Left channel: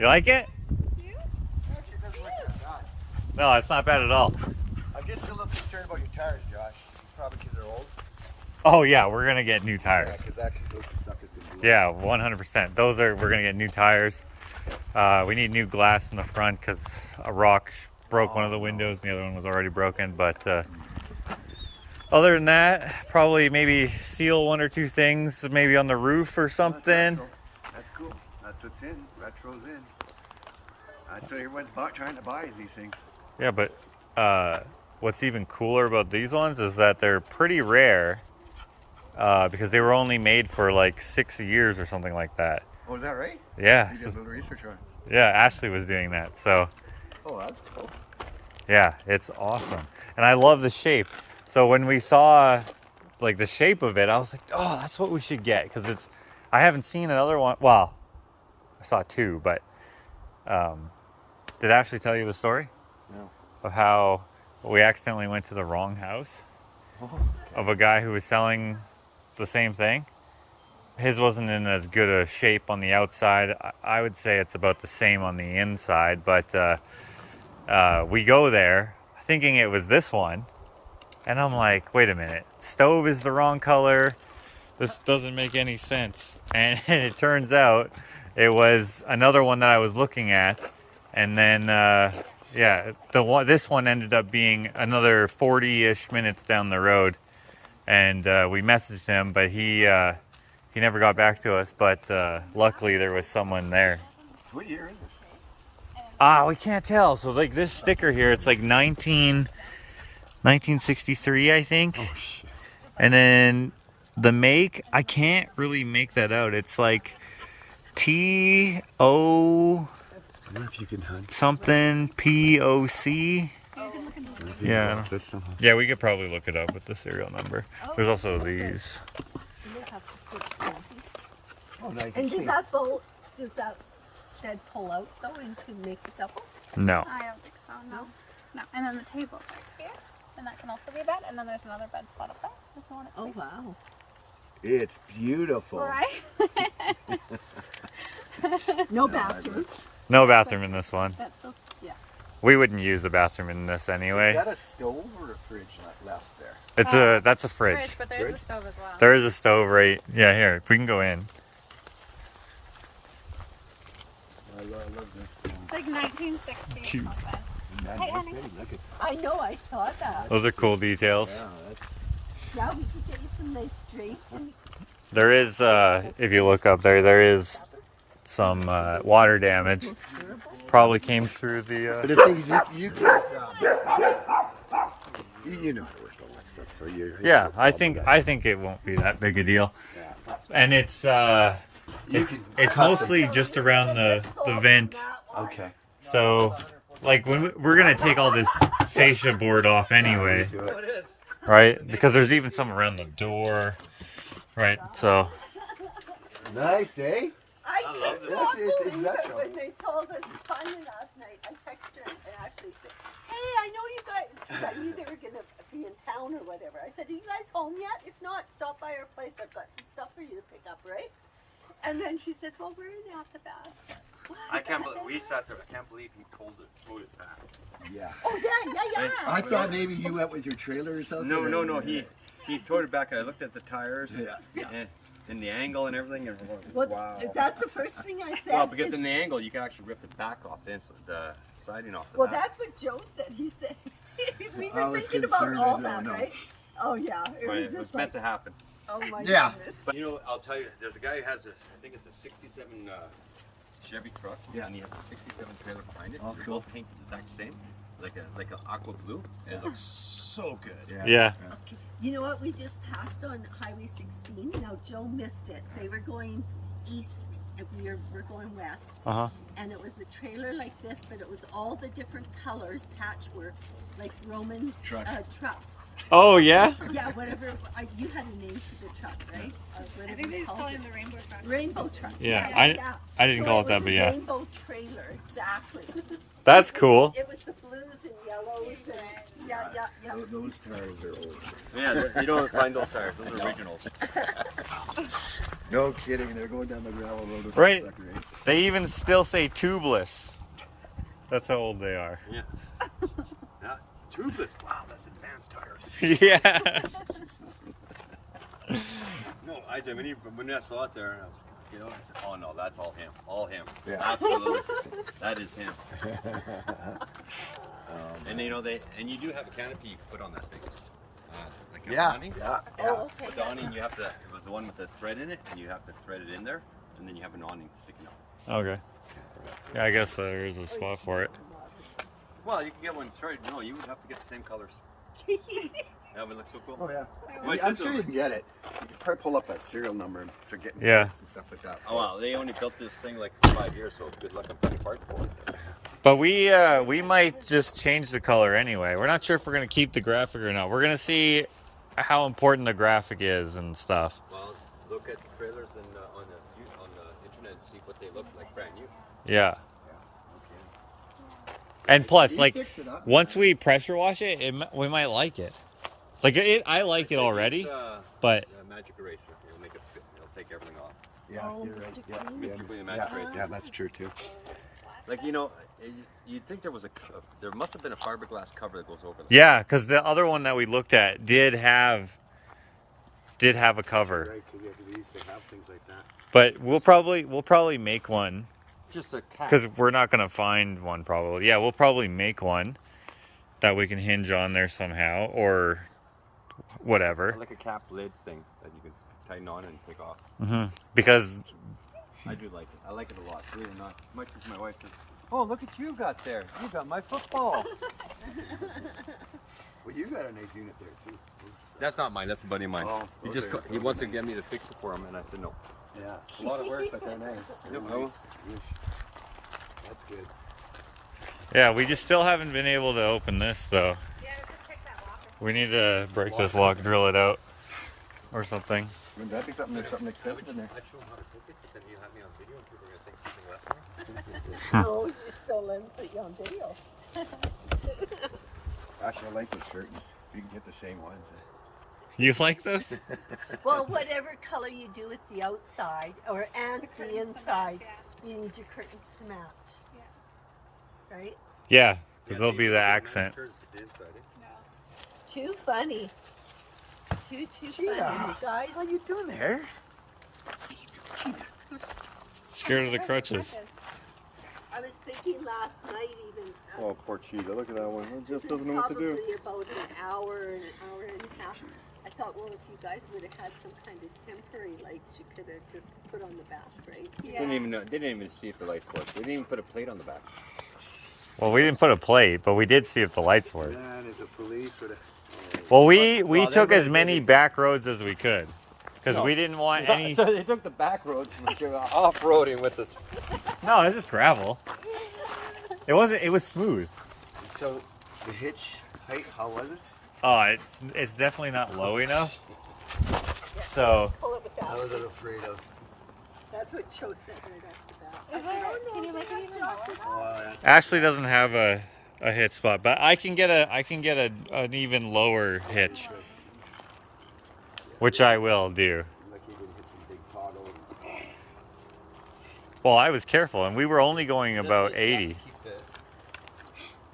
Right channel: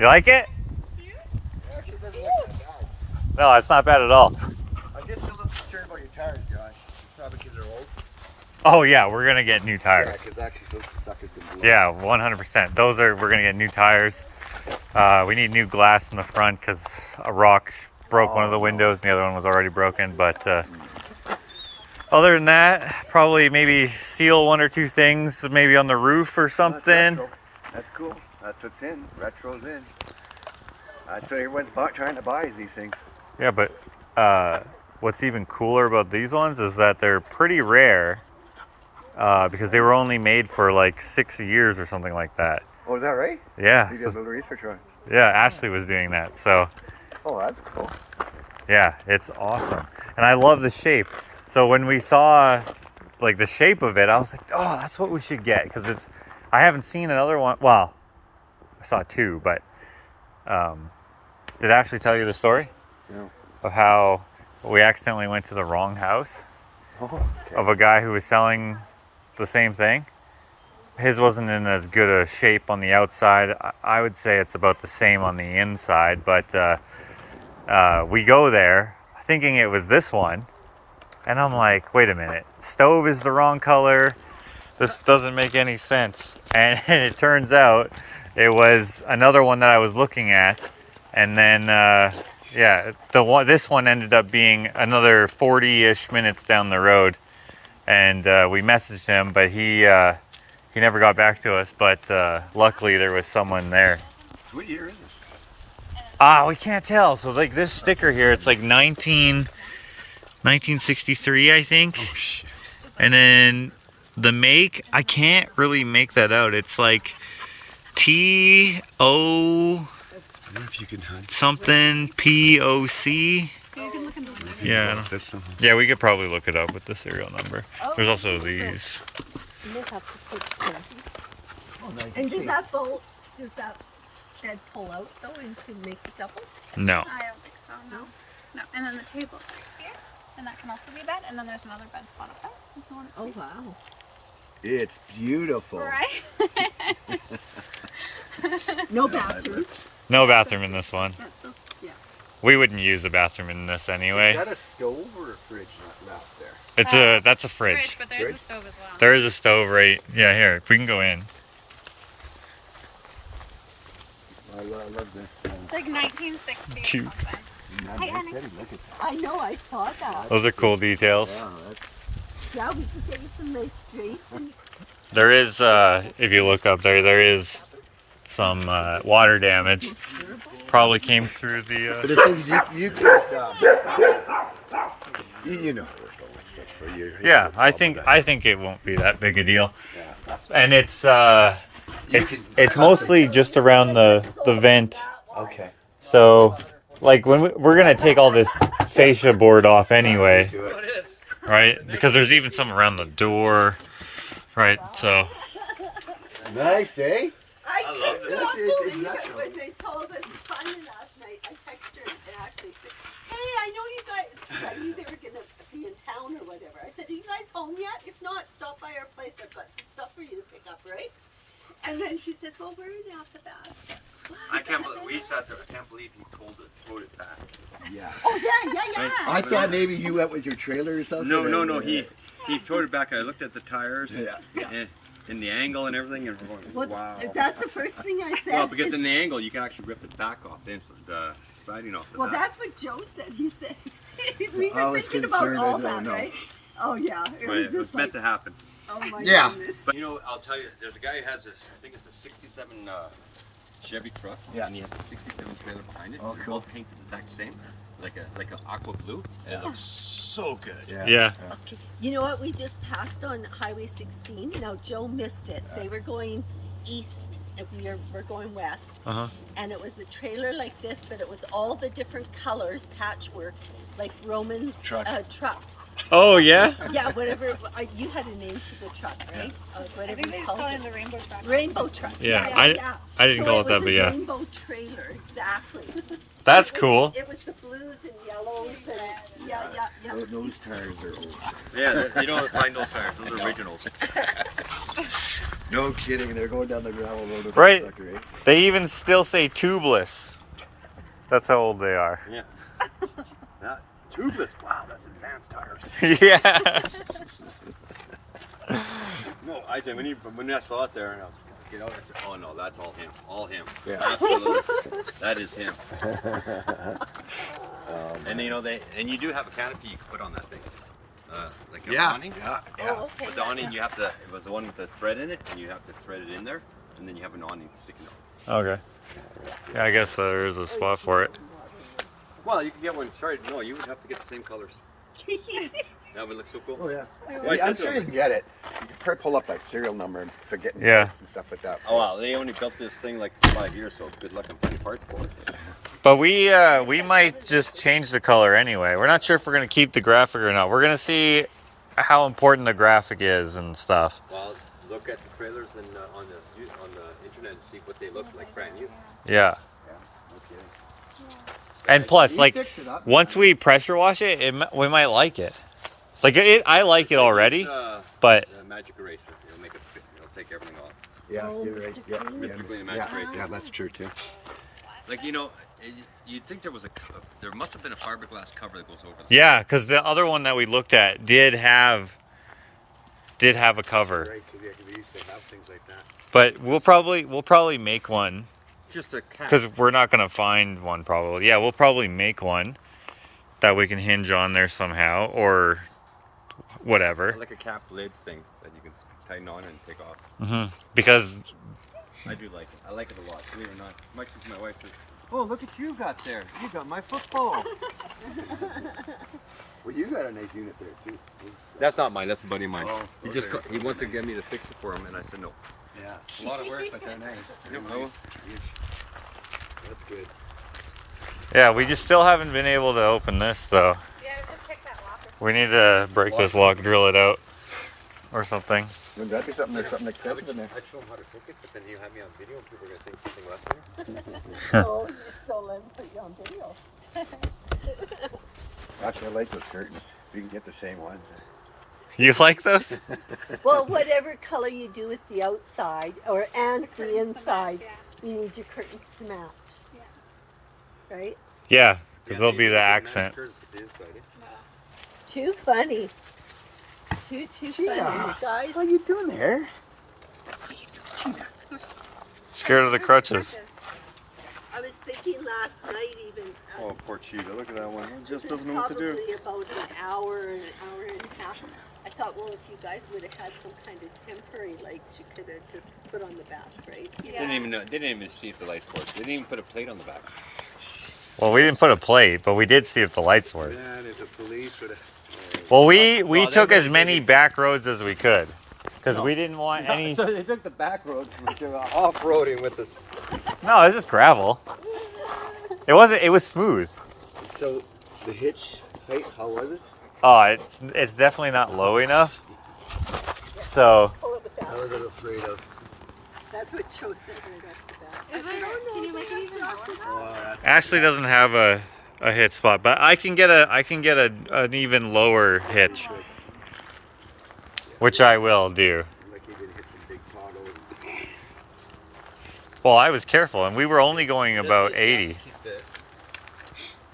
You like it? Actually, it doesn't look that bad. No, it's not bad at all. I'm just a little concerned about your tires, Josh. Probably because they're old. Oh yeah, we're gonna get new Yeah, tires. because those suckers can blow. Yeah, 100%. We're gonna get new tires. We need new glass in the front because a rock broke one of the windows and the other one was already broken. But other than that, probably maybe seal one or two things, maybe on the roof or something. That's cool. That's what's in. Retro's in. That's what everyone's trying to buy is these things. Yeah, but what's even cooler about these ones is that they're pretty rare because they were only made for like 6 years or something like that. Oh, is that right? Yeah. You did a little research on it. Yeah, Ashley was doing that. So Oh, that's cool. yeah, it's awesome. And I love the shape. So when we saw like the shape of it, I was like, oh, that's what we should get. Because I haven't seen another one. Well, I saw two, but did Ashley tell you the story? No. Of how we accidentally went to the wrong house of a guy who was selling the same thing. His wasn't in as good a shape on the outside. I would say it's about the same on the inside, but we go there thinking it was this one, and I'm like, wait a minute, stove is the wrong color. This doesn't make any sense. And it turns out it was another one that I was looking at, and then yeah, this one ended up being another 40-ish minutes down the road, and we messaged him, but he never got back to us. But luckily there was someone there. What year is this? We can't tell. So like this sticker here, it's like 1963, I think. Oh shit. And then the make, I can't really make that out. It's like T-O If you can help. something P-O-C. Yeah. Yeah, we could probably look it up with the serial number. There's also these. And does that bolt, does that bed pull out though into make it double? No. I don't think so, no. No. And then the table's right here. And that can also be a bed. And then there's another bed spot up there. If you want it. Oh wow. It's beautiful. Right? No bathroom. No bathroom in this one. That's a, yeah. We wouldn't use a bathroom in this anyway. Is that a stove or a fridge not left there? That's a fridge. But there's a stove as well. There is a stove right. Yeah, here. If we can go in. I love this. It's like 1960. Two. Nice, Betty, look at that. I know, I saw that. Those are cool details. Yeah, that's Yeah, we could get you some nice drapes. And There is, if you look up there, there is some water damage. Probably came through But the. the thing is, you can't, you know how to work all that stuff, so you. Yeah, I think it won't be that big a deal. Yeah. And it's can mostly just around the vent. Okay. So, like when we're gonna take all this fascia board off anyway, Do it. right? Because there's even some around the door, right? So. Nice, eh? I love could this. not It's believe not it trouble. when they told us Tanya last night. I texted her and actually said, hey, I know you guys, I knew they were going to be in town or whatever. I said, are you guys home yet? If not, stop by our place. I've got some stuff for you to pick up, right? And then she says, well, where are you at the bath? I can't believe we sat there. I can't believe he towed it back. Yeah. Oh, yeah. I thought maybe you went with your trailer or something. No. He towed it back. I looked at the tires Yeah. and the angle and everything, and I'm Well, like, wow. that's the first thing I said. Well, because in the angle you can actually rip the back off the siding off the Well, back. that's what Joe said. He said, we I were was thinking about concerned, I all don't that, know. right? Oh, yeah. It Right, was it was just meant like, to happen. oh, my Yeah. goodness. But you know, I'll tell you, there's a guy who has I think it's a '67 Chevy truck, Yeah. and he has a '67 trailer behind it. Oh, They're cool. both painted the exact same, like a aqua blue. And it looks so good. Yeah. You know what? We just passed on Highway 16. Now, Joe missed it. They were going east and we're going west. And it was a trailer like this, but it was all the different colors, patchwork, like Roman's Truck. truck. Oh yeah. Yeah, whatever. You had a name for the truck, right? I Whatever think they you just called call it it. the rainbow truck. Rainbow truck. Yeah, yeah. I didn't call it that, was but a yeah. Rainbow trailer, exactly. That's cool. It was the blues and yellows and yeah. Those tires are old. Yeah, you don't find those tires. Those are originals. No kidding, they're going down the gravel road. Right. They even still say tubeless. That's how old they are. Yeah. That tubeless. Wow, that's advanced tires. Yeah. No, when I saw it there, and I was, you know, I said, oh no, that's all him. All him. Yeah. Absolutely. That is him. And you know, you do have a canopy you can put on that thing. Like an awning. Yeah. Oh, okay. But the awning it was the one with the thread in it, and you have to thread it in there, and then you have an awning sticking out. Okay. Yeah, I guess there is a spot for it. Well, you can get one. Sorry, no, you would have to get the same colors. That would look so cool. Oh yeah. Well, I'm sure you can get it. You can probably pull up that serial number and so getting Yeah. parts and stuff like that. Oh wow, they only built this thing like 5 years, so good luck on finding parts for it. But we might just change the color anyway. We're not sure if we're gonna keep the graphic or not. We're gonna see how important the graphic is and stuff. Well, look at the trailers and on the internet and see what they look like brand new. Yeah. Okay. And plus, You like, fix it up. once we pressure wash it, we might like it. Like, I like it already, but Magic eraser, it'll make it fit. It'll take everything off. Yeah, Oh, you're right. Mr. Yeah, Clean. Mr. Clean, yeah, Magic yeah, Eraser. yeah, that's true too. Like, you know, you'd think there must have been a fiberglass cover that goes over them. yeah, because the other one that we looked at did have a cover. Right, because they used to have things like that. But we'll probably make one Just a cap. because we're not gonna find one probably. Yeah, we'll probably make one that we can hinge on there somehow or whatever. Like a cap lid thing that you can tighten on and take off. Because I do like it. I like it a lot, believe it or not. As much as my wife says, oh, look what you got there. You got my football. Well, you got a nice unit there too. That's not mine. That's a buddy of mine. Oh, He he wants to get me to fix it for him, and I said no. Yeah, a lot of work, but they're nice. They're Yeah. nice. Yeah. That's good. yeah, we just still haven't been able to open this though. Yeah, just check that lock. We need to break this lock, drill it out, or something. Wouldn't that be something? There's something I expensive in there. show him how to cook it, but then you have me on video, and people are going to think something less than No, so let me put you on video. Actually, I like those curtains. We can get the same ones. You like those? Well, whatever color you do with the outside and the Curtains to inside, match, you need your curtains to match. Yeah. Right? Yeah, because they'll be the accent. Too funny. Too Gina. funny, you guys. What are you doing there? Scared of the crutches. I was thinking last night even. Oh, poor Cheetah. Look at that one. It just this is doesn't know what to do. Probably about an hour and a half. I thought, well, if you guys would have had some kind of temporary lights, you could have just put on the back, right? Yeah. They didn't even see if the lights worked. They didn't even put a plate on the back. Well, we didn't put a plate, but we did see if the lights worked. Man, if the police would have. Well, we Well, took they as many back roads as we could, because we didn't want any. So they took the back roads which are off-roading with it. No, it's just gravel. It wasn't. It was smooth. So, the hitch height, how was it? Oh, it's definitely not low enough. So Pull it with that. What are they afraid of? That's what Cho said when we got to that. Is there, can you make it even lower? Oh, that's Ashley doesn't have a hit spot, but I can get an even lower hitch, which I will do. like you're gonna hit some big potholes. Well, I was careful, and we were only going about 80.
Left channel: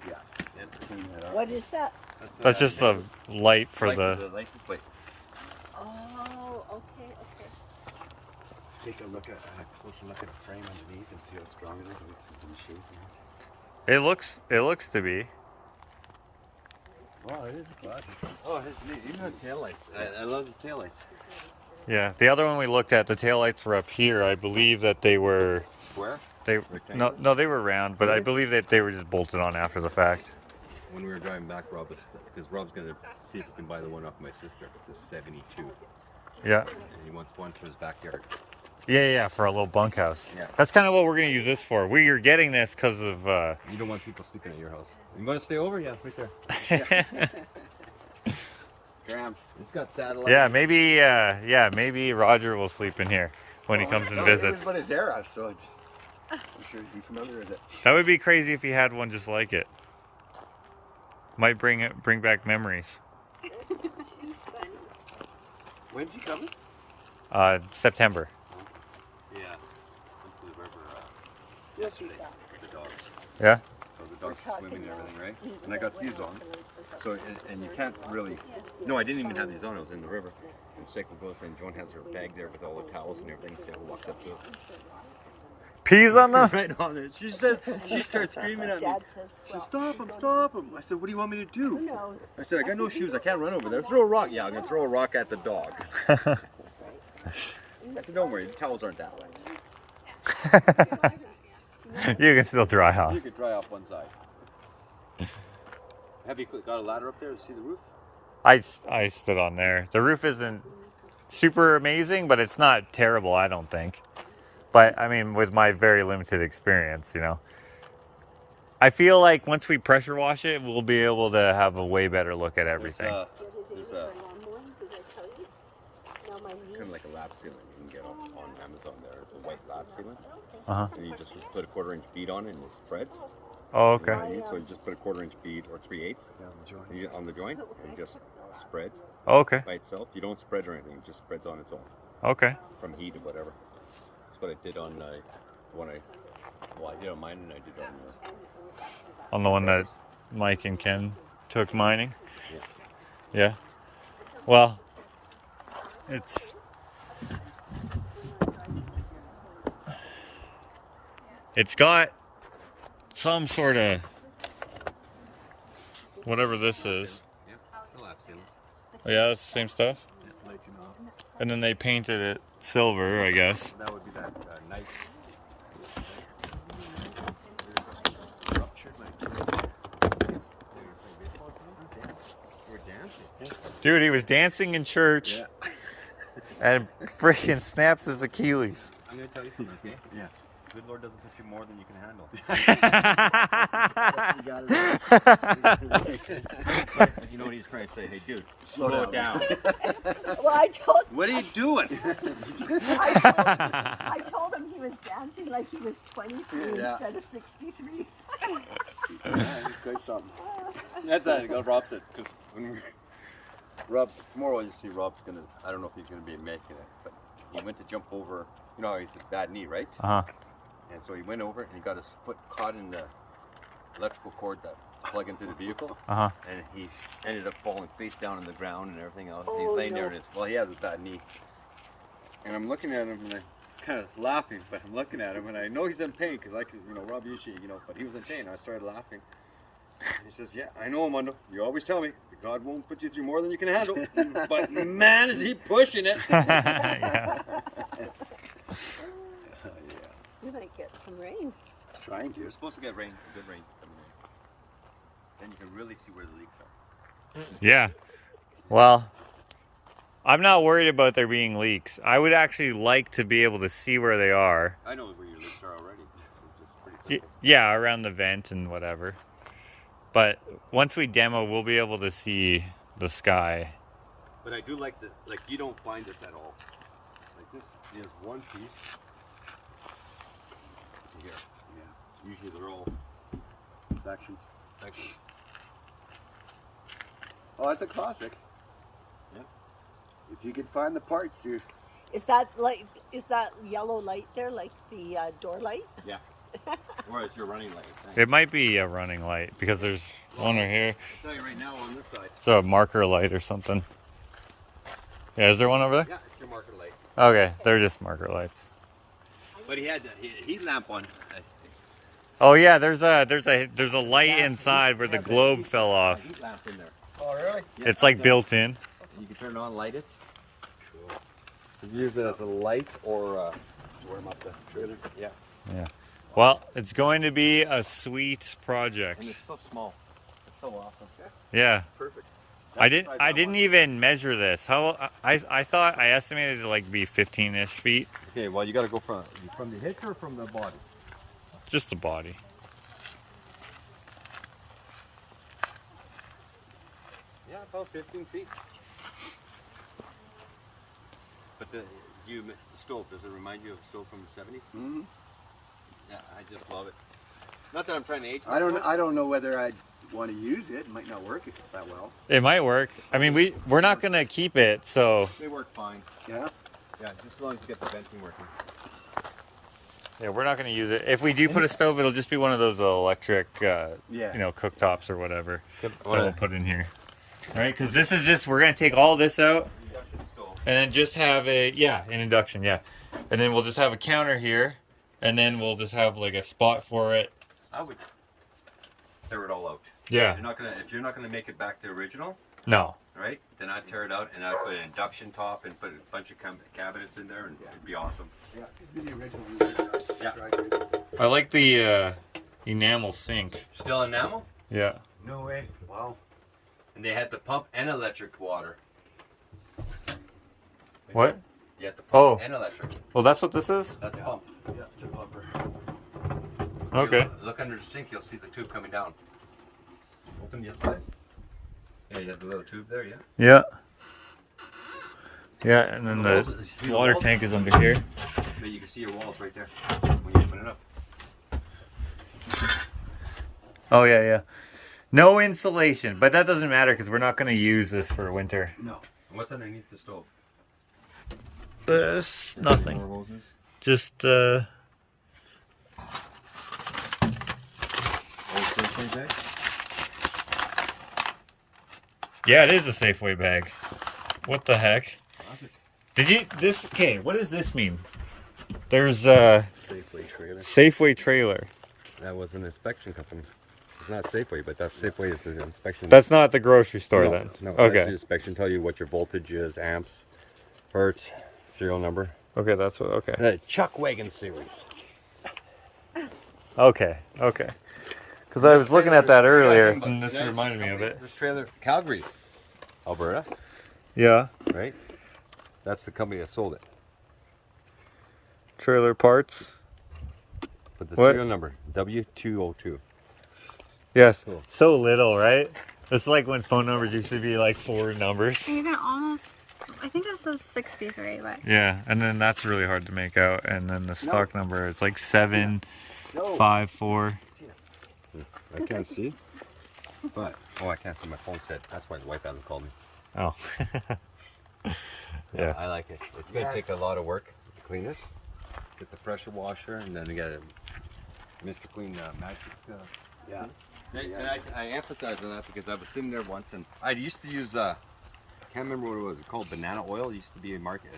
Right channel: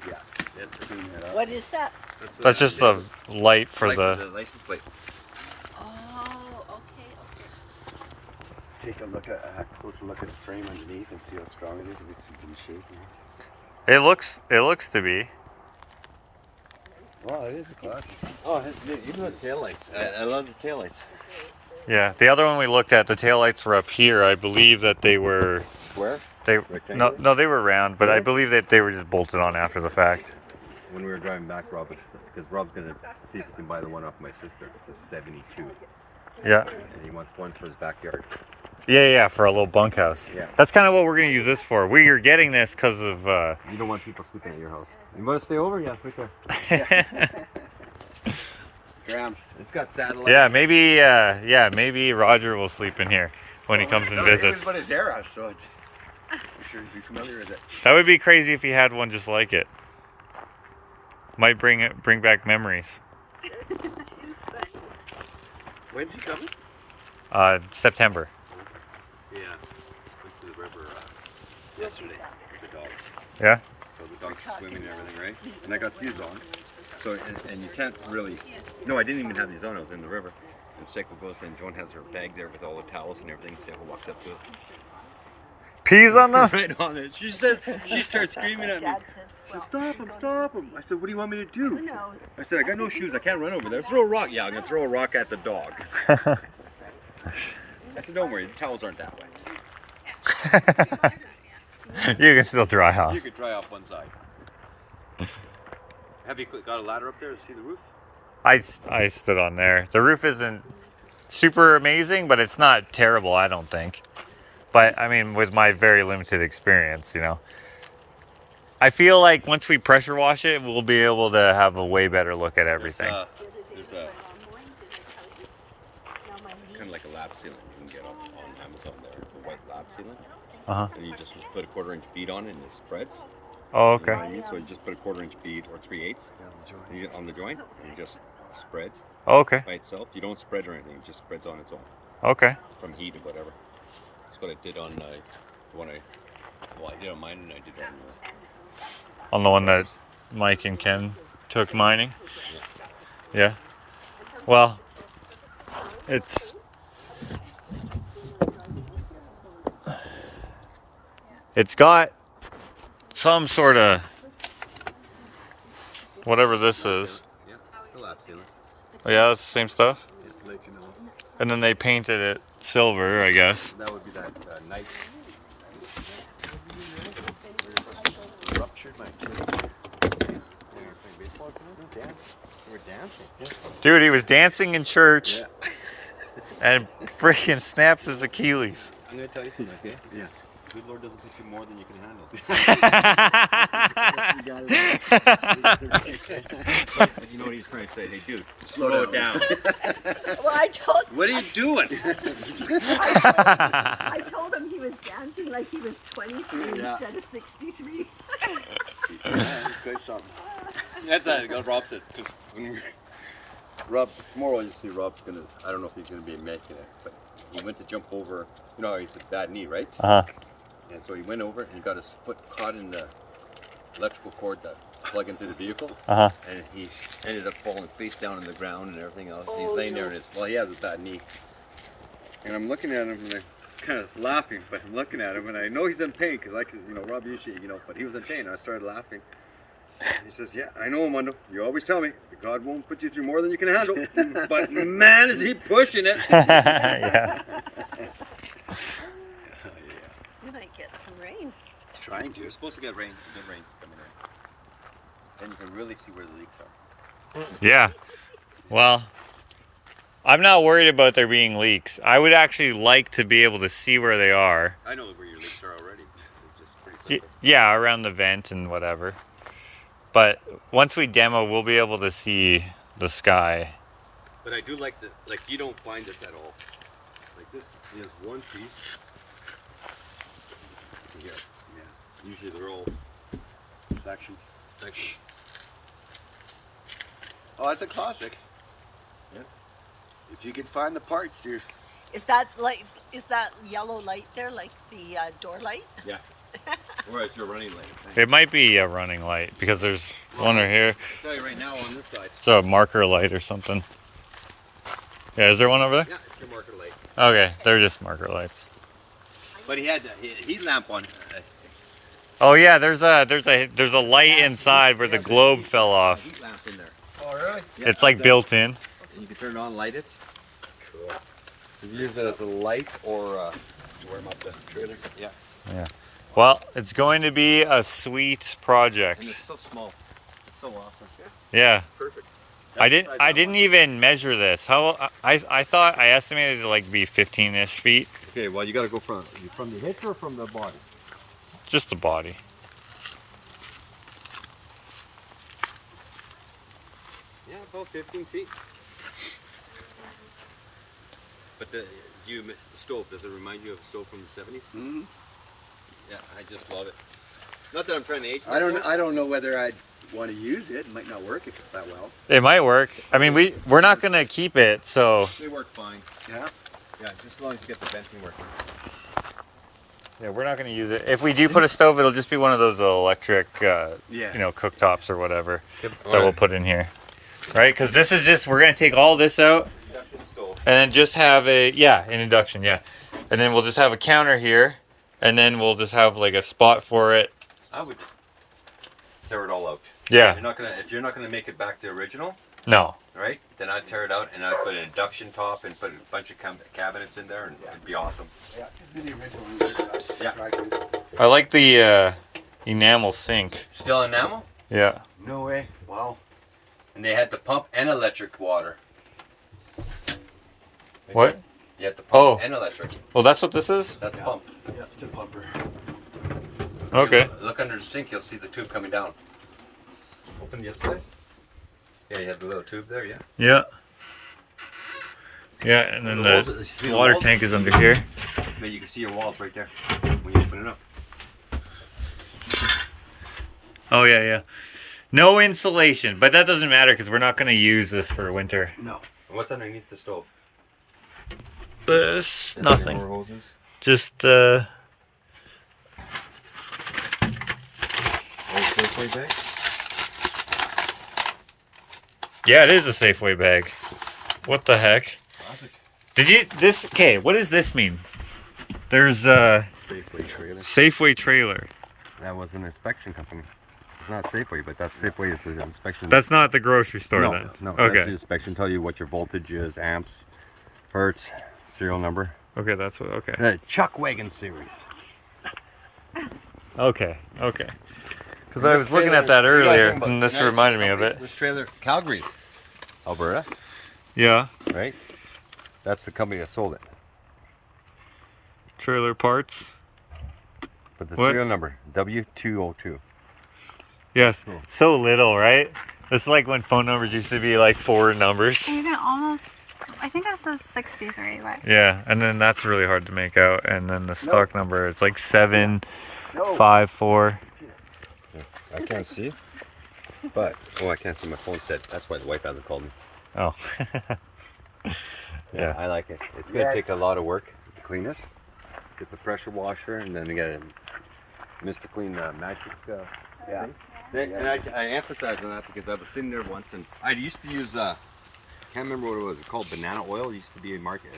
Yeah, that's cleaning it up. What is that? That's just the light for the. license plate. Oh, okay. Take a look at a closer look at the frame underneath and see how strong it is. If it's in good shape. It looks to be. Wow, it is a classic. Oh, even the taillights. I love the taillights. Yeah, the other one we looked at, the taillights were up here. I believe that they were. Square? No, they were round, but I believe that they were just bolted on after the fact. When we were driving back, because Rob's going to see if he can buy the one off my sister. It's a 72. Yeah. And he wants one for his backyard. Yeah, for a little bunkhouse. Yeah. That's kind of what we're gonna use this for. We are getting this because of. You don't want people sleeping at your house. You want to stay over? Yeah, right there. Grams. It's got satellite. Yeah, maybe Roger will sleep in here when he comes and visits. But his era, so it's, I'm sure he'd be familiar with it. That would be crazy if he had one just like it. Might bring back memories. When's he coming? September. Yeah. Went to the river yesterday with the dogs. Yeah. So the dogs swimming and everything, right? And I got these on. So, and you can't really, no, I didn't even have these on. I was in the river. And Seiko goes and Joan has her bag there with all the towels and everything. Seiko walks up to it. Peas on them? Right on it. She said, she starts screaming at me. She said, stop him, stop him. I said, what do you want me to do? I said, I got no shoes. I can't run over there. Throw a rock. Yeah, I'm going to throw a rock at the dog. I said, don't worry. The towels aren't that wet. You can still dry off. You could dry off one side. Have you got a ladder up there to see the roof? I stood on there. The roof isn't super amazing, but it's not terrible, I don't think. But, I mean, with my very limited experience, you know. I feel like once we pressure wash it, we'll be able to have a way better look at everything. There's a kind of like a lap sealant you can get on Amazon there. It's a white lap sealant. Uh-huh. And you just put a 1/4 inch bead on it and it spreads. Oh, You know okay. what I mean? So you just put a 1/4 inch bead or 3/8 on the joint and it just spreads Oh, okay. by itself. You don't spread or anything, it just spreads on its own Okay. from heat or whatever. That's what I did on the one I did on mine and I did on On the one that Mike and Ken took mining? Yeah. Well, it's got some sort of whatever this is. yeah, it's a lap sealant. Oh, yeah, that's the same stuff. Yeah, let you know. And then they painted it silver, I guess. That would be that nice. Dude, he was dancing in church Yeah. and freaking snaps his Achilles. I'm gonna tell you something, okay? Yeah. Good Lord doesn't put you more than you can handle. You got it. You know what he's trying to say? Hey, dude, slow it down. Well, I told What are you doing? I told him he was dancing like he was 23 Yeah. instead of 63. Yeah, it's quite something. That's what Rob said. Because when we Rob, tomorrow you see Rob's gonna, I don't know if he's gonna be making it, but he went to jump over, you know, he's a bad knee, right? Uh-huh. And so he went over and he got his foot caught in the electrical cord that plug into the vehicle. Uh-huh. And he ended up falling face down on the ground and everything else. And he's laying there and he has a bad knee. And I'm looking at him and I'm kind of laughing, but I'm looking at him and I know he's in pain because I can, you know, Rob usually, you know, but he was in pain. I started laughing. And he says, yeah, I know, Armando. You always tell me that God won't put you through more than you can handle. But man, is he pushing it. Yeah. We might get some rain. Trying You're to. supposed to get rain, good rain coming in. Then you can really see where the leaks are. Yeah. Well, I'm not worried about there being leaks. I would actually like to be able to see where they are. I know where your leaks are already. It's just pretty simple. Yeah, around the vent and whatever. But once we demo, we'll be able to see the sky. But I do like the, like you don't find this at all. Like this is one piece. Here. Yeah. Usually they're all Sections. sections. Oh, that's a classic. Yeah. If you can find the parts, you're. Is that yellow light there like the door light? Yeah. Or it's your running light. It might be a running light because there's one right here. I'll tell you right now on this side. It's a marker light or something. Yeah, is there one over there? Yeah, it's your marker light. Okay, they're just marker lights. But he had the heat lamp on. Oh yeah, there's a light inside where the globe fell off. Heat lamp in there. Oh, really? Yeah, It's like built in. And you can turn it on, light it. Cool. You can use it as a light or to warm up the trailer. Yeah. Yeah. Well, it's going to be a sweet project. And it's so small. It's so awesome. Yeah. Perfect. I didn't even measure this. How I thought I estimated it to like be 15-ish feet. Okay, well you gotta go from the hitch or from the body? Just the body. Yeah, about 15 feet. But the stove, does it remind you of a stove from the 70s? Mm-hmm. Yeah, I just love it. Not that I'm trying to age I myself. don't know whether I'd want to use it. It might not work that well. It might work. I mean, we're not gonna keep it, so They work fine. Yeah. Yeah, just as long as you get the venting working. Yeah, we're not going to use it. If we do put a stove, it'll just be one of those electric, you know, cooktops or whatever that we'll put in here. Right? Because this is just, we're going to take all this out and then just have a, an induction, yeah. And then we'll just have a counter here and then we'll just have like a spot for it. I would tear it all out. Yeah. If you're not gonna make it back to original, No. right? Then I'd tear it out and I'd put an induction top and put a bunch of cabinets in there and it'd be awesome. Yeah, just do the original. Yeah. I like the enamel sink. Still enamel? Yeah. No way. Wow. And they had the pump and electric water. What? You had the pump Oh. and electric. Well, that's what this is? That's the pump. Yeah, it's a pumper. Okay. Look under the sink, you'll see the tube coming down. Open the outside. Yeah, you have the little tube there, yeah. Yeah. Yeah, and then the water tank is under here. But you can see your walls right there when you open it up. Oh, yeah, yeah. No insulation, but that doesn't matter because we're not going to use this for winter. No. And what's underneath the stove? Nothing. More hoses? Just, Safeway bag? yeah, it is a Safeway bag. What the heck? Did you, okay, what does this mean? There's a Safeway trailer. Safeway trailer. That was an inspection company. It's not Safeway, but that's Safeway is the inspection. That's not the grocery store then? No, Okay. that's the inspection tell you what your voltage is, amps, hertz, serial number. Okay, that's what, okay. The Chuck Wagon series. Okay, okay. Because I was looking at that earlier and this reminded me of it. This trailer, Calgary, Alberta, Yeah. right? That's the company that sold it. Trailer parts. But the What? serial number, W202. Yes. Cool. So little, right? It's like when phone numbers used to be like 4 numbers. You can almost, I think it says 63, but. Yeah, and then that's really hard to make out. And then the stock number is like 754. I can't see, but I can't see my phone set. That's why the wife hasn't called me. Oh. Yeah. I like it. It's gonna take a lot of work to clean it. Get the pressure washer, and then you get a Mr. Clean magic. Yeah. thing. And I emphasize on that because I was sitting there once, and I used to use can't remember what it was. It's called banana oil. It used to be a market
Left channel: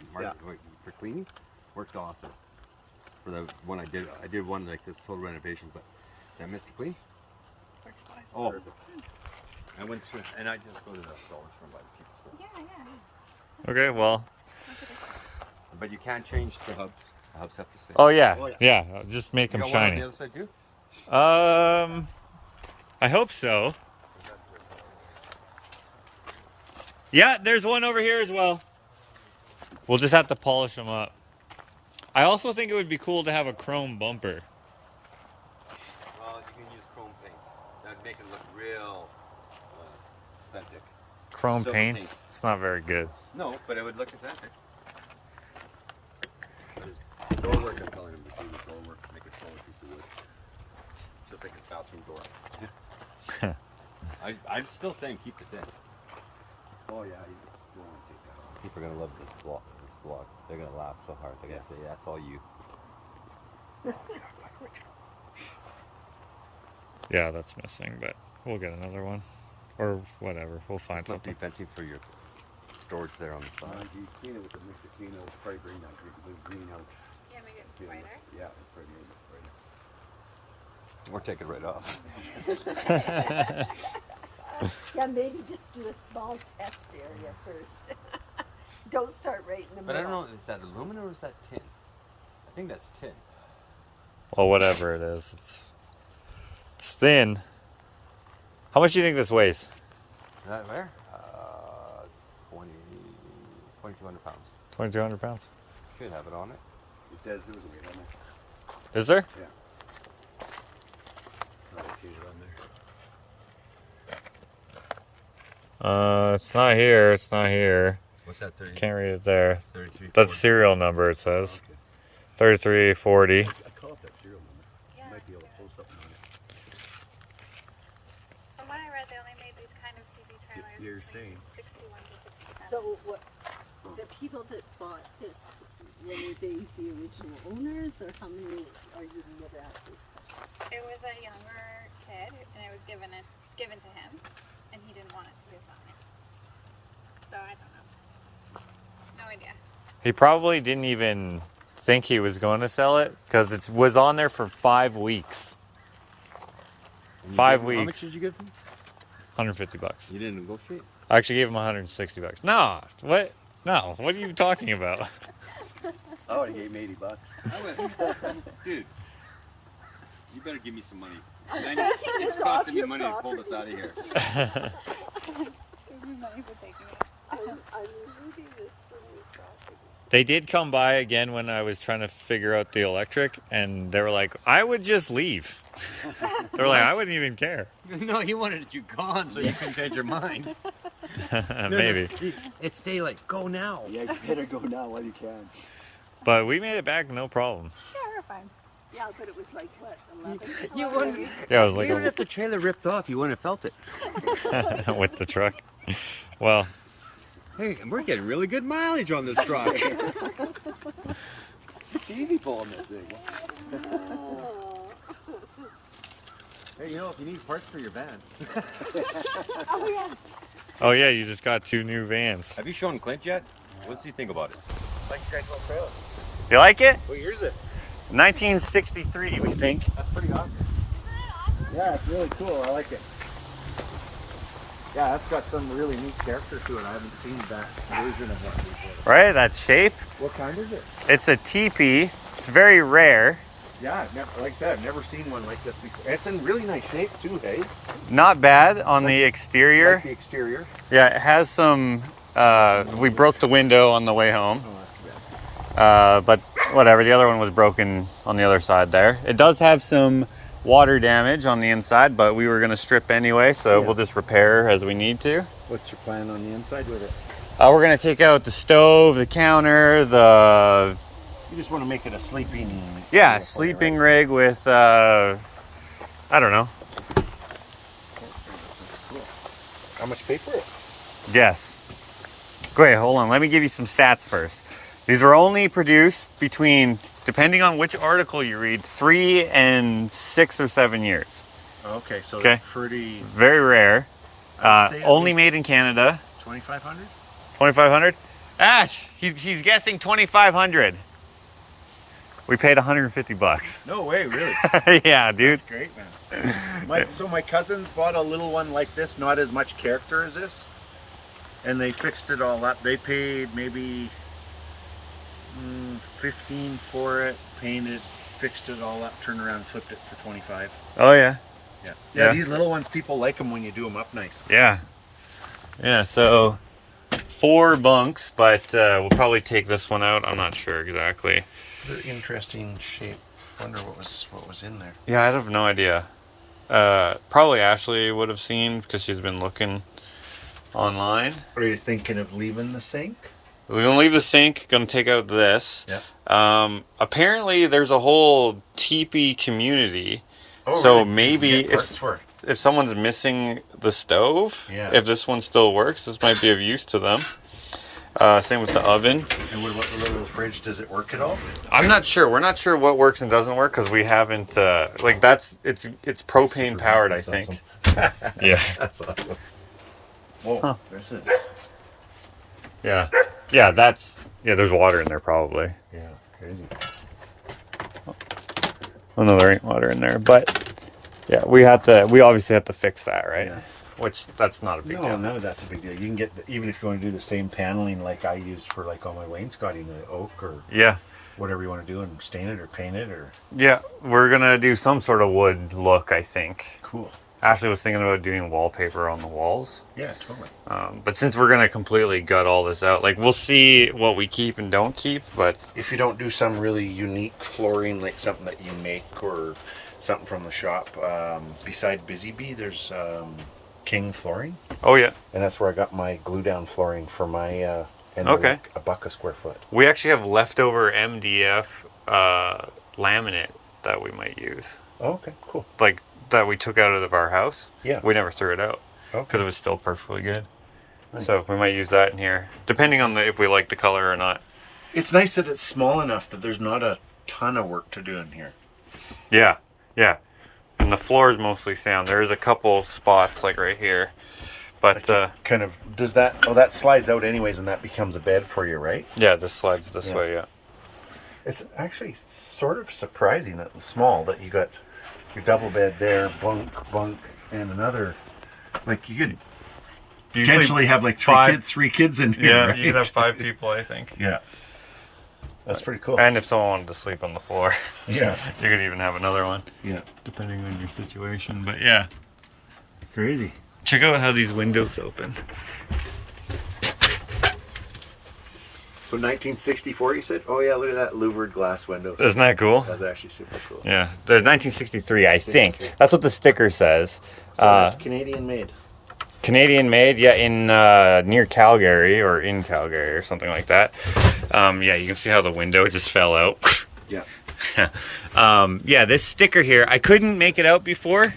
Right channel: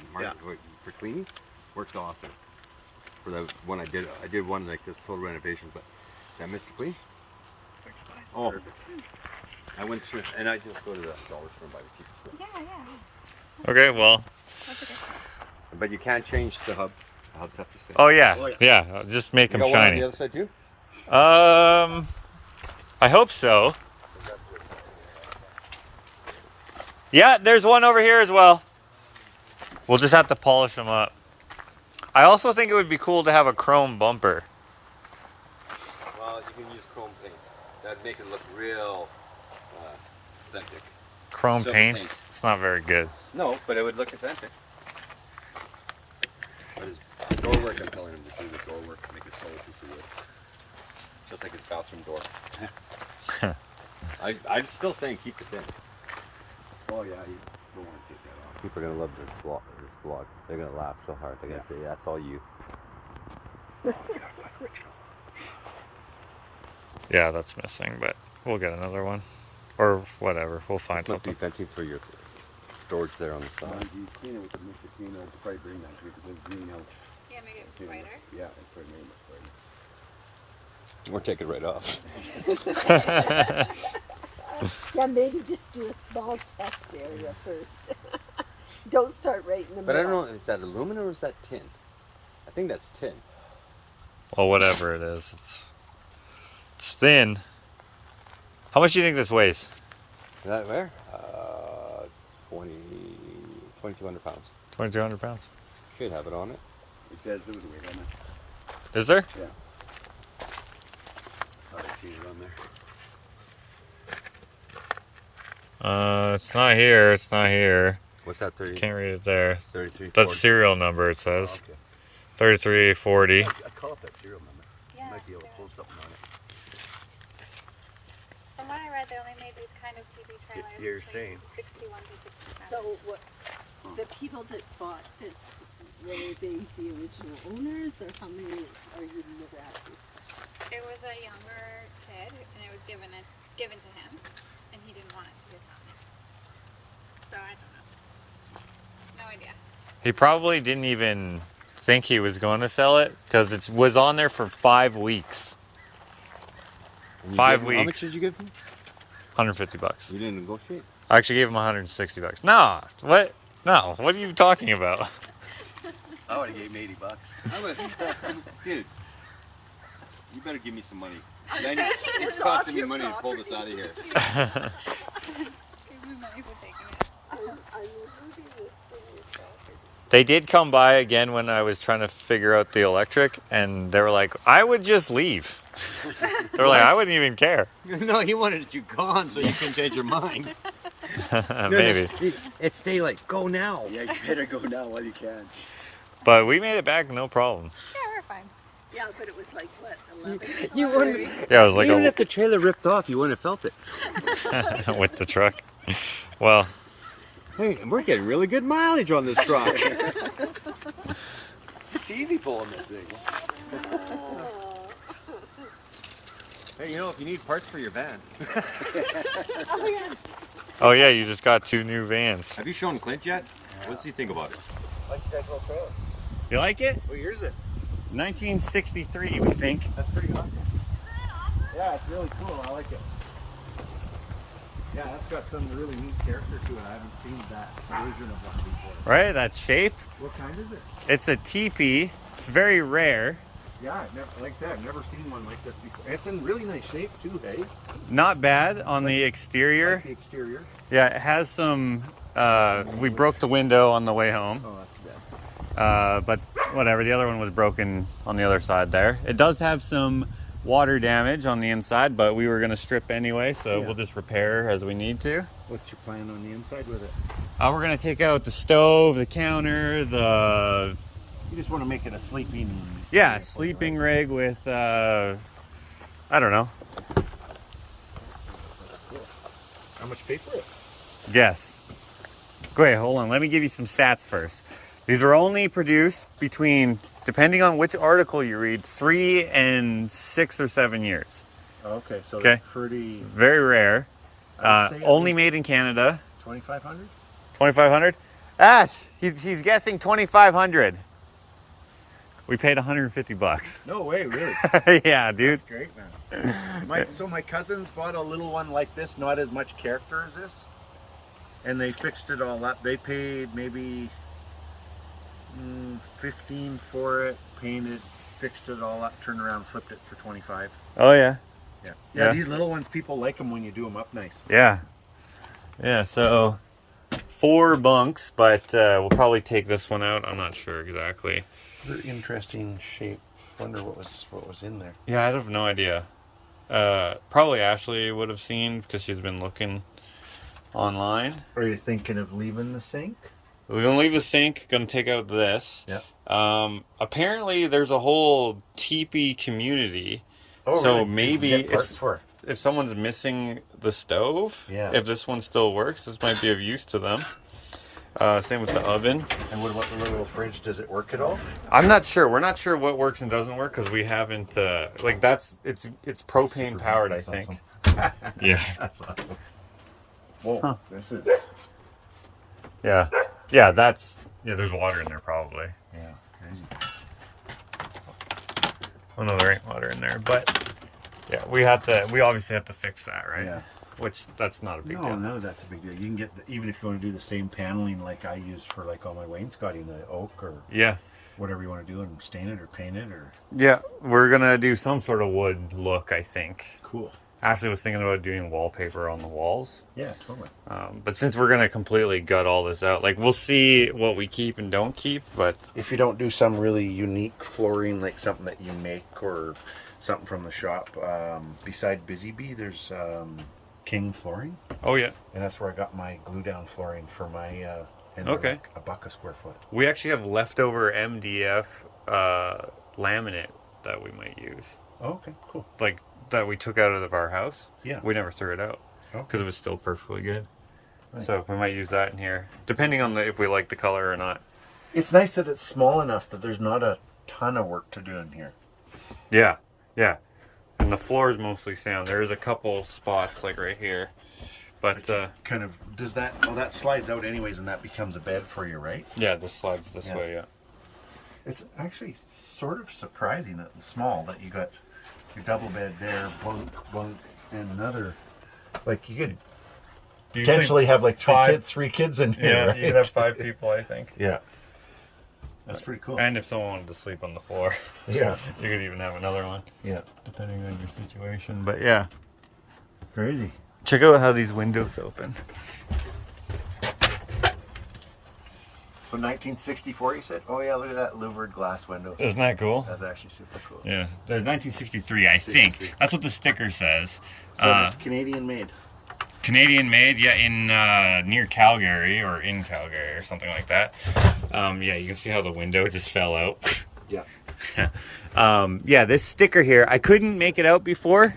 for cleaning. Worked awesome. For the one I did one like this total renovation, but is that Mr. Clean? Oh, I went through, and I just go to the dollar store and buy the cheapest one. Yeah. Okay, well. That's okay. But you can't change the hubs. The hubs have to stay. Oh, yeah. Oh, yeah. Yeah, just make them You got one on shiny. the other side too? I hope so. Yeah, there's one over here as well. We'll just have to polish them up. I also think it would be cool to have a chrome bumper. Well, you can use chrome paint. That'd make it look real authentic. Chrome Silver paint? paint. It's not very good. No, but it would look authentic. Door work, I'm telling him to do the door work to make it solid piece of wood. Just like his bathroom door. I'm still saying keep it in. Oh yeah, you don't want to take that off. People are gonna love this vlog. They're gonna laugh so hard. They're gonna say, "That's all you." Yeah, that's missing, but we'll get another one. Or whatever, we'll find It's not something. defensive for your storage there on the Well, side. you clean it with the Mr. Clean out, probably green out, we could go green out. You make it too. brighter. Yeah, that's what I made it for you. Or take it right off. Yeah, maybe just do a small test area first. Don't start right in the But I middle. don't know, is that aluminum or is that tin? I think that's tin. Well, whatever it is, it's thin. How much do you think this weighs? Is that where? 2,200 pounds. 2,200 pounds. Should have it on it. It does, there was a weight on it. Is there? Oh, I see it on there. It's not here. It's not here. What's that? 30? Can't read it there. 33. That's serial number, it says. Okay. 3340. I'd call up that serial number. Yeah. You might be able to pull something on it. From what I read, they only made these kind of TV trailers. You're between saying. 61 to 67. So what, The people that bought this, were they the original owners, or how many are you never asked these questions? It was a younger kid, and it was given to him, and he didn't want it to his own. So I don't know. No idea. He probably didn't even think he was going to sell it because it was on there for 5 weeks. 5 weeks. How much did you give him? $150. You didn't negotiate? I actually gave him $160. No, what? No, what are you talking about? I would have gave him $80. Dude, you better give me some money. It's costing me money to pull this out of here. Give me money for taking it. They did come by again when I was trying to figure out the electric, and they were like, I would just leave. They were like, I wouldn't even care. No, he wanted you gone so you can change your mind. Maybe. It's daylight. Go now. Yeah, you better go now while you can. But we made it back, no problem. Yeah, we're fine. Yeah, but it was like, what, 11? You wouldn't. Yeah, it was like Even if the trailer ripped off, you wouldn't have felt it. with the truck. Well, Hey, we're getting really good mileage on this truck. It's easy pulling this thing. Hey, you know, if you need parts for your van. oh yeah, you just got 2 new vans. Have you shown Clint yet? What's he think about it? Like your guys' little trailer. You like it? What year is it? 1963, we think. That's pretty awesome. Yeah, it's really cool. I like it. Yeah, that's got some really neat character to it. I haven't seen that version of one before. Right, that shape. What kind is it? It's a teepee. It's very rare. Yeah, like I said, I've never seen one like this before. It's in really nice shape too, hey? Not bad on the Like exterior. the exterior. Yeah, it has some, we broke the window on the way home. Oh, that's too bad. But whatever, the other one was broken on the other side there. It does have some water damage on the inside, but we were going to strip anyway, so Yeah. we'll just repair as we need to. What's your plan on the inside with it? We're going to take out the stove, the counter, the You just want to make it a sleeping... yeah, area for you, sleeping right? rig with I don't know. That's cool. How much pay for it? Yes. Great, hold on. Let me give you some stats first. These were only produced between, depending on which article you read, 3 and 6 or 7 years. Okay, so Okay. pretty... Very rare. I'd say at Only least made in Canada. 2,500? 2,500? Ash, he's guessing 2,500. We paid $150. No way, really. Yeah, dude. That's great, man. So my cousins bought a little one like this, not as much character as this, and they fixed it all up. They paid maybe 15 for it, painted, fixed it all up, turned around, flipped it for 25. Oh yeah. Yeah. Yeah. These little ones, people like them when you do them up nice. Yeah. Yeah, so 4 bunks, but we'll probably take this one out. I'm not sure exactly. Interesting shape. Wonder what was in there. Yeah, I have no idea. Probably Ashley would have seen because she's been looking online. Are you thinking of leaving the sink? We're gonna leave the sink, gonna take out this. Yeah. Apparently there's a whole teepee community. Oh, So really? maybe You can get if- parts for it. If someone's missing the stove, Yeah. if this one still works, this might be of use to them. Same with the oven. And what about the little fridge? Does it work at all? I'm not sure. We're not sure what works and doesn't work because we haven't like it's propane Super powered, I that's think. awesome. Yeah. That's awesome. Whoa, Huh. this is... Yeah. Yeah, there's water in there probably. Yeah, crazy. Oh no, there ain't water in there, but yeah, we obviously have to fix that, right? Yeah. Which that's not a big No, deal. none of that's a big deal. You can get, even if you want to do the same paneling like I use for like all my wainscoting, the oak or Yeah. whatever you want to do, and stain it or paint it or... Yeah, we're gonna do some sort of wood look, I think. Cool. Ashley was thinking about doing wallpaper on the walls. Yeah, totally. But since we're gonna completely gut all this out, like we'll see what we keep and don't keep, but If you don't do some really unique flooring, like something that you make or something from the shop, beside Busy Bee, there's King Flooring, oh yeah, and that's where I got my glue down flooring for my and Okay. they're like $1 a square foot. we actually have leftover MDF laminate that we might use, Oh, okay, cool. like that we took out of our house. Yeah. We never threw it out Okay. because it was still perfectly good. Nice. So we might use that in here, depending on if we like the color or not. It's nice that it's small enough that there's not a ton of work to do in here. Yeah, yeah. And the floor is mostly sound. There's a couple spots like right here, but Kind of, does that, oh, that slides out anyways and that becomes a bed for you, right? yeah, this slides this Yeah. way. Yeah. It's actually sort of surprising that it's small, that you got your double bed there, bunk, and another, like you could potentially have like three kids in here. Yeah, right? you could have 5 people, I think. Yeah. That's pretty cool. And if someone wanted to sleep on the floor, Yeah. you could even have another one, Yeah. depending on your situation. But yeah, Crazy. check out how these windows open. So 1964, you said? Oh yeah, look at that louvered glass window. Isn't that cool? That's actually super cool. Yeah, the 1963, I think. That's what the sticker says. So it's Canadian made. Canadian made, yeah, in near Calgary or in Calgary or something like that. Yeah, you can see how the window just fell out. Yeah. Yeah, this sticker here, I couldn't make it out before,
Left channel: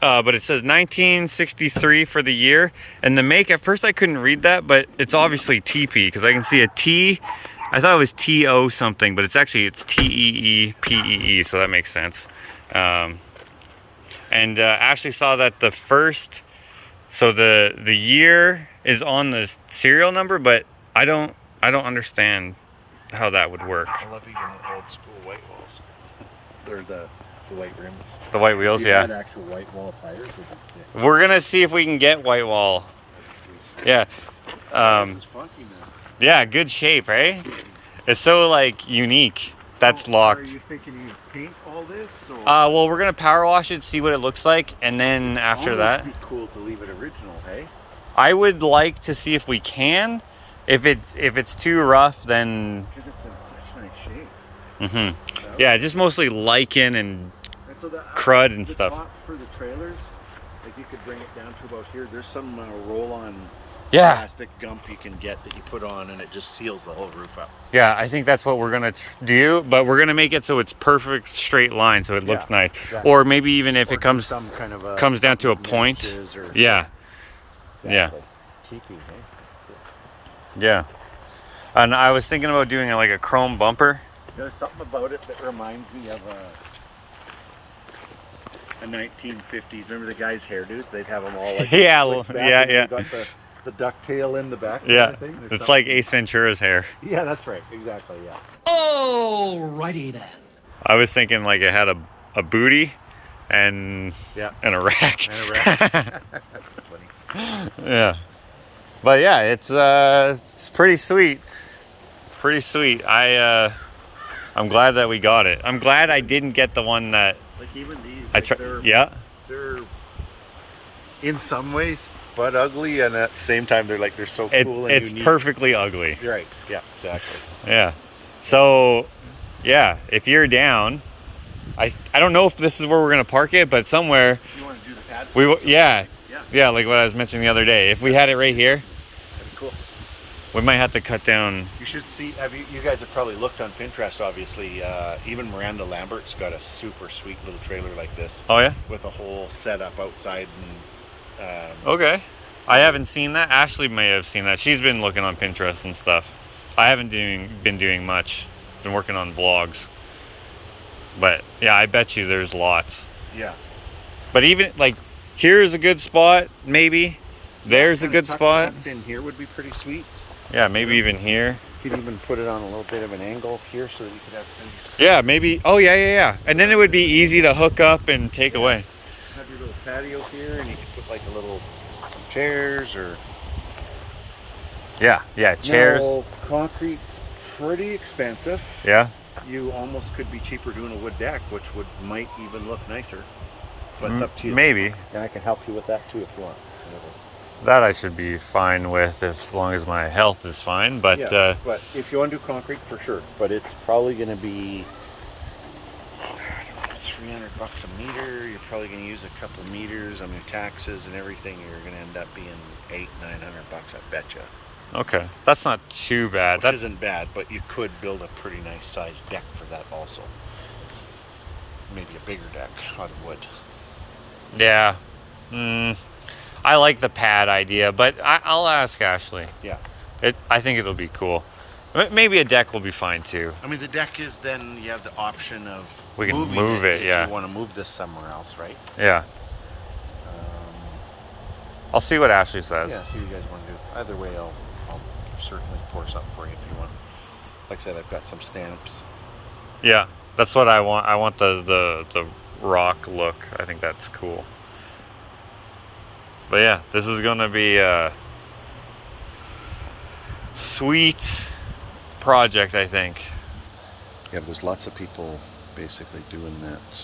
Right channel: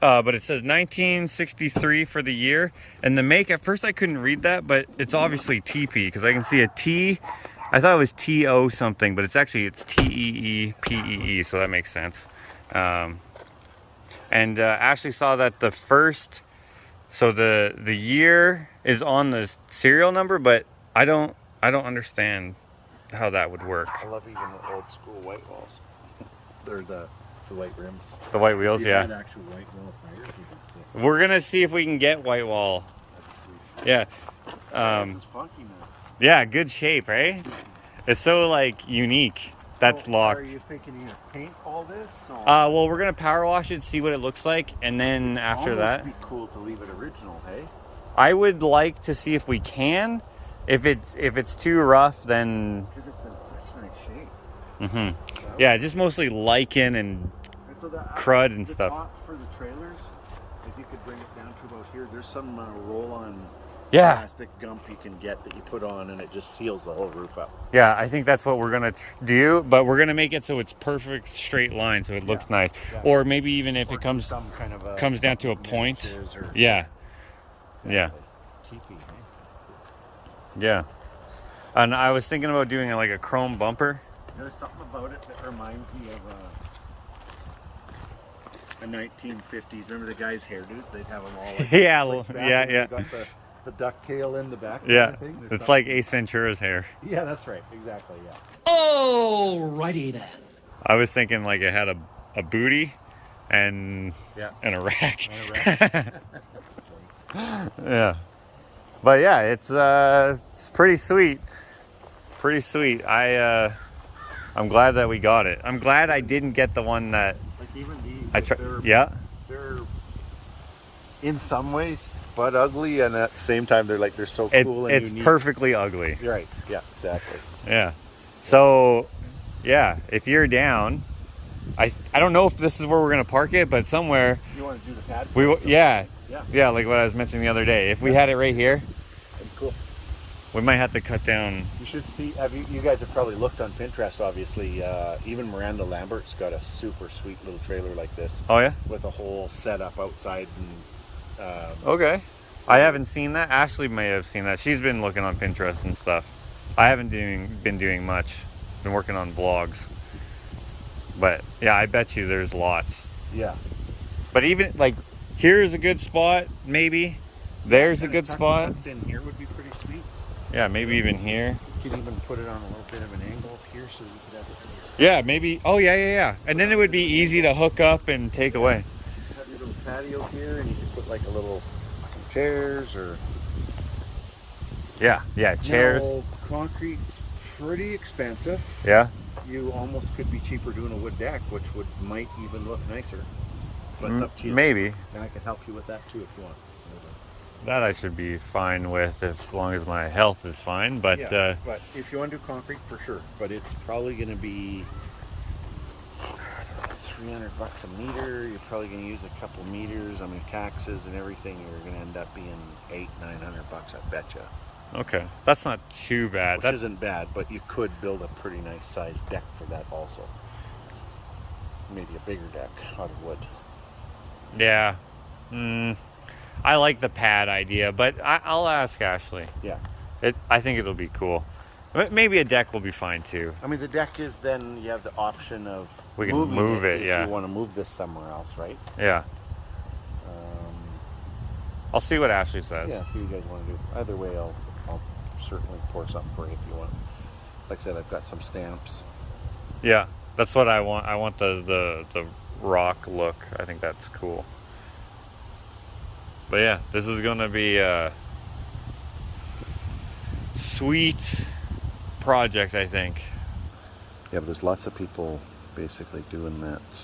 but it says 1963 for the year, and the make, at first I couldn't read that, but it's obviously TP, because I can see a T. I thought it was TO something, but it's TEEPEE, so that makes sense. And Ashley saw that the first, so the year is on the serial number, but I don't understand how that would work. I love even the old school white walls. They're the white rims. The white wheels, You had yeah. actual white wall tires, which is sick. We're gonna see if we can get white wall. Sweet. Yeah. This is funky, man. Yeah, good shape, right? It's so like unique. That's So, locked. Are you thinking you paint all this? Or Well, we're gonna power wash it, see what it looks like, and then after that, Almost be cool to leave it original, hey? I would like to see if we can. If it's too rough, then Because it's in such nice shape. yeah, just mostly lichen and And so the crud and the stuff. top for the trailers, like you could bring it down to about here. There's some roll-on yeah, Plastic gump you can get that you put on and it just seals the whole roof up. yeah. I think that's what we're gonna do, but we're gonna make it so it's perfect straight line, so it looks Yeah, nice. exactly. Or maybe even if Or it comes some kind of a comes down to a point. notches or- Yeah, yeah. TP, hey? yeah. And I was thinking about doing like a chrome bumper. There's something about it that reminds me of a 1950s. Remember the guys' hairdos? They'd have them all like Yeah, slicked back yeah, and yeah. they got the ducktail in the back. kind Yeah, of thing. There's it's something- like Ace Ventura's hair. Yeah, that's right. Exactly. Yeah. Alrighty then. I was thinking like it had a booty and Yeah. and a rack. And a rack. That's funny. Yeah, but yeah, it's pretty sweet. Pretty sweet. I'm glad that we got it. I'm glad I didn't get the one that Like even these. I like, tried. Yeah, They're in some ways but ugly, and at the same time they're so it, cool and it's unique. perfectly ugly. You're right. Yeah. Exactly. Yeah. So, yeah, if you're down, I don't know if this is where we're gonna park it, but somewhere You want to do the pad? yeah, Yeah. yeah, like what I was mentioning the other day. If we had it right here, That'd be cool. we might have to cut down. You should see. You guys have probably looked on Pinterest. Obviously, even Miranda Lambert's got a super sweet little trailer like this Oh yeah. with a whole setup outside. And Okay. I haven't seen that. Ashley may have seen that. She's been looking on Pinterest and stuff. I haven't been doing much. Been working on vlogs. But yeah, I bet you there's lots. yeah, But even like here's a good spot, maybe. There's a good spot. Tucked in here would be pretty sweet. Yeah, maybe even here. You could even put it on a little bit of an angle here so that you could have plenty of Yeah, maybe. Oh yeah, yeah, yeah. And then it would be easy to hook up and take away. have your little patio here, and you could put like some chairs or Yeah, yeah. Chairs. No, concrete's pretty expensive. Yeah. You almost could be cheaper doing a wood deck, which might even look nicer. But it's up to you. Maybe. And I can help you with that too if you want. That I should be fine with as long as my health is fine. But Yeah, but if you want to do concrete, for sure. But it's probably going to be $300 a meter. You're probably going to use a couple meters. I mean, taxes and everything. You're going to end up being $800-900. I betcha. okay, that's not too bad. Which That isn't bad, but you could build a pretty nice sized deck for that also. Maybe a bigger deck out of wood. yeah. I like the pad idea, but I'll ask Ashley. Yeah. I think it'll be cool. Maybe a deck will be fine too. I mean, the deck is then you have the option of We can moving move it, if yeah. you want to move this somewhere else, right? Yeah. I'll see what Ashley says. Yeah, see what you guys want to do. Either way, I'll certainly pour something for you if you want. Like I said, I've got some stamps. Yeah, that's what I want. I want the rock look. I think that's cool. But yeah, this is gonna be a sweet project, I think. Yeah, there's lots of people basically doing that.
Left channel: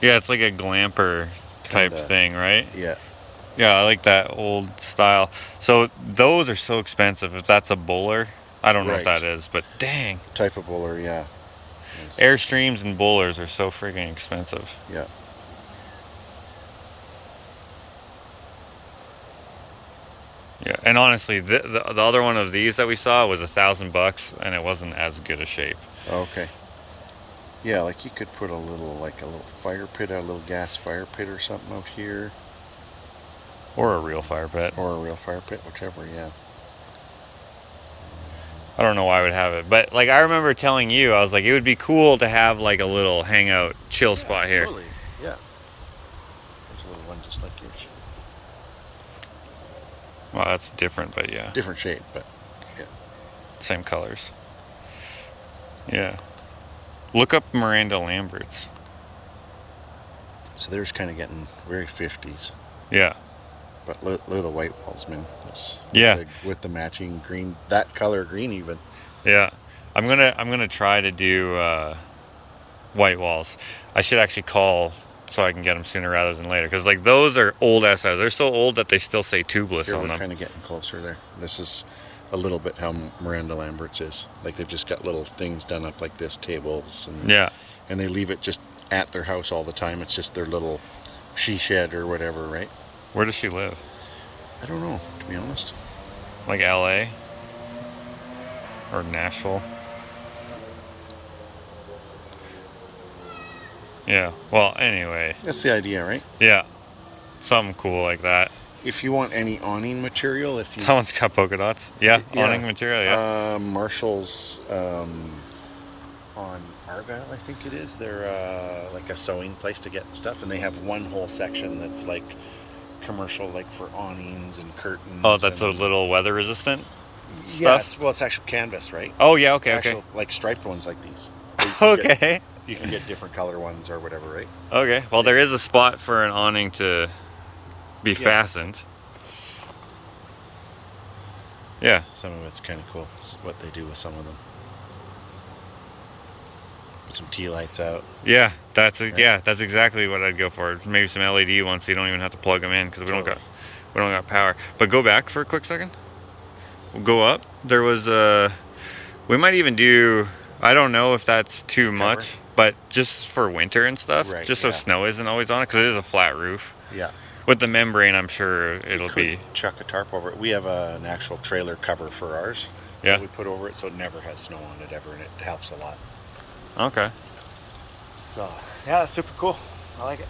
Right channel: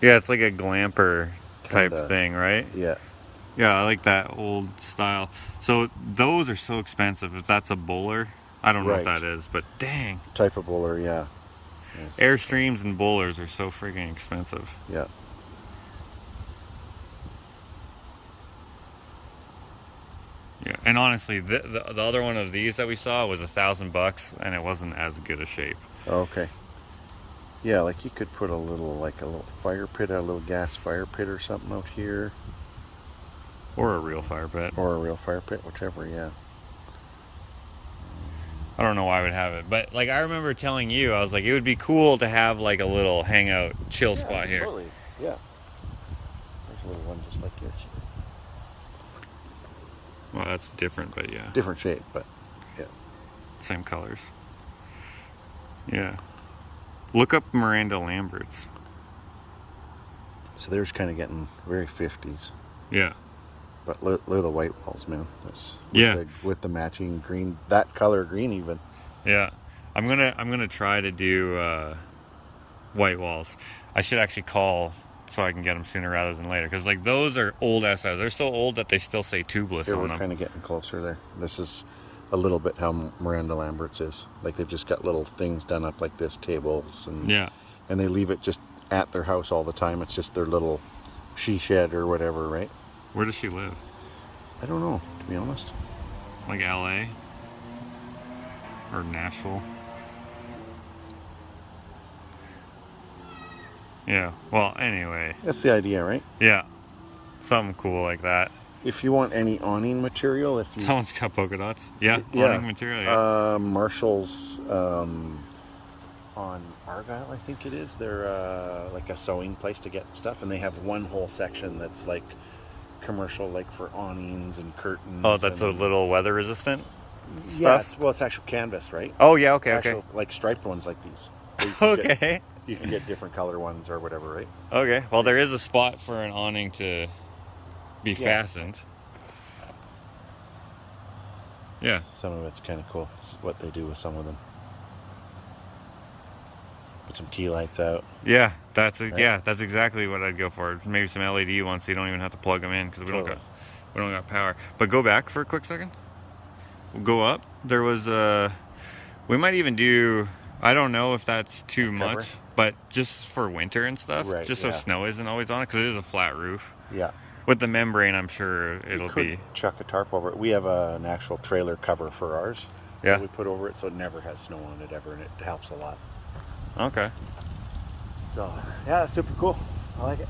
Yeah, it's like a glamper type Kinda. thing, right? Yeah. Yeah, I like that old style. So those are so expensive. If that's a bowler, I don't know what Right. that is, but dang. Type of bowler, yeah. Nice. Airstreams and bowlers are so freaking expensive. Yeah. Yeah, and honestly, the other one of these that we saw was $1,000, and it wasn't as good a shape. Okay. Yeah, like you could put a little fire pit, a little gas fire pit or something out here. Or a real fire pit. Or a real fire pit, whichever, yeah. I don't know why I would have it, but like I remember telling you, I was like, it would be cool to have like a little hangout, chill spot here. Totally, yeah. There's a little one just like yours. Well, that's different, but yeah, Different shape, but yeah. same colors. Yeah. Look up Miranda Lambert's. So there's kind of getting very 50s. Yeah. But look at the white walls, man. That's Yeah. with the matching green, that color green even. Yeah. I'm gonna try to do white walls. I should actually call so I can get them sooner rather than later, because like those are old SIs. They're so old that they still say tubeless Here, on we're them. kind of getting closer there. This is a little bit how Miranda Lambert's is. Like they've just got little things done up like this, tables, and Yeah. and they leave it just at their house all the time. It's just their little she shed or whatever, right? Where does she live? I don't know, to be honest. Like LA or Nashville? Yeah. Well, anyway. That's the idea, right? Yeah. Something cool like that. If you want any awning material, if you That one's got polka dots. Yeah. Yeah. Awning material. Yeah. Marshall's on Argyle, I think it is. They're like a sewing place to get stuff, and they have one whole section that's like commercial, like for awnings and curtains. Oh, that's a and, little weather resistant yeah. stuff? It's actual canvas, right? Oh yeah. Okay. Actual, like striped ones like these. So you can Okay. you can get different color ones or whatever, right? Okay. Well, there is a spot for an awning to be fastened. Yeah. Some of it's kind of cool. It's what they do with some of them. Put some tea lights out. Yeah. That's exactly what I'd go for. Maybe some LED ones, so you don't even have to plug them in, because we don't got power. But go back for a quick second. We'll go up. There was we might even do. I don't know if that's too much, but just for winter and stuff, Right, just so yeah. snow isn't always on it, because it is a flat roof. Yeah. With the membrane, I'm sure it'll be. Chuck a tarp over it. We have an actual trailer cover for ours. Yeah. We put over it so it never has snow on it ever, and it helps a lot. Okay. So yeah, that's super cool. I like it.